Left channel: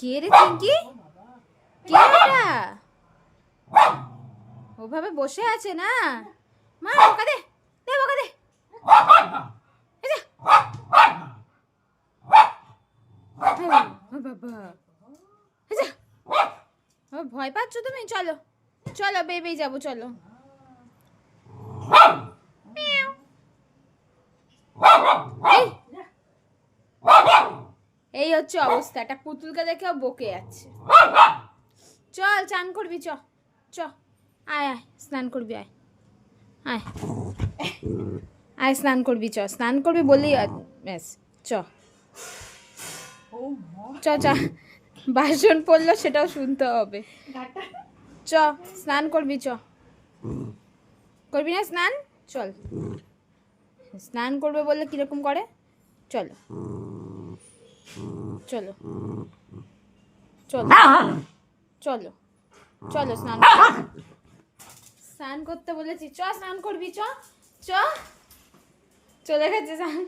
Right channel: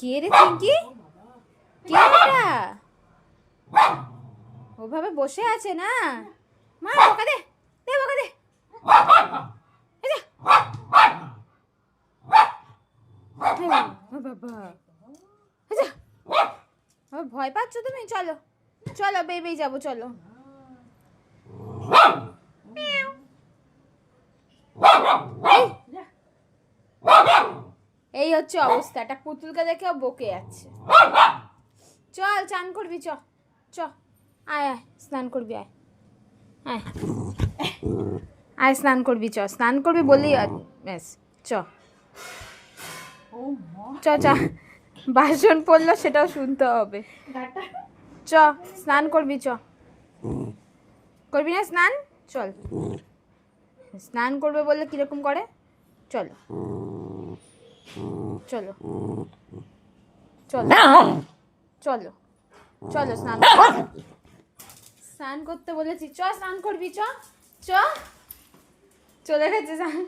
কে রে চিঙ্কি? কে এটা? ওভাবে বসে আছে না, মা বকা দে, দে বকা দে। ভয় পাচ্ছ তুমি? চলো চলো বেরিয়ে যাবো, চলো। এই হচ্ছে অবস্থা, একটা পুতুলকে দেখে বকে যাচ্ছে। চল চান করবি, চ চ, আয় আয় স্নান করবি, আয় আয় আয় স্নান করবি, চ স্নান করবি বললি ব্যাস, চ চ চ, বাসন পড়লো সেটাও শুনতে হবে। চ স্নান করবি, চ করবি না স্নান? চল, স্নান করবে বললে কিরকম করে, চলো চলো চলো চলো চলো স্নান স্নান করতে বলেছি, চ স্নান করবি, চ চ, চলে গেছে স্নান।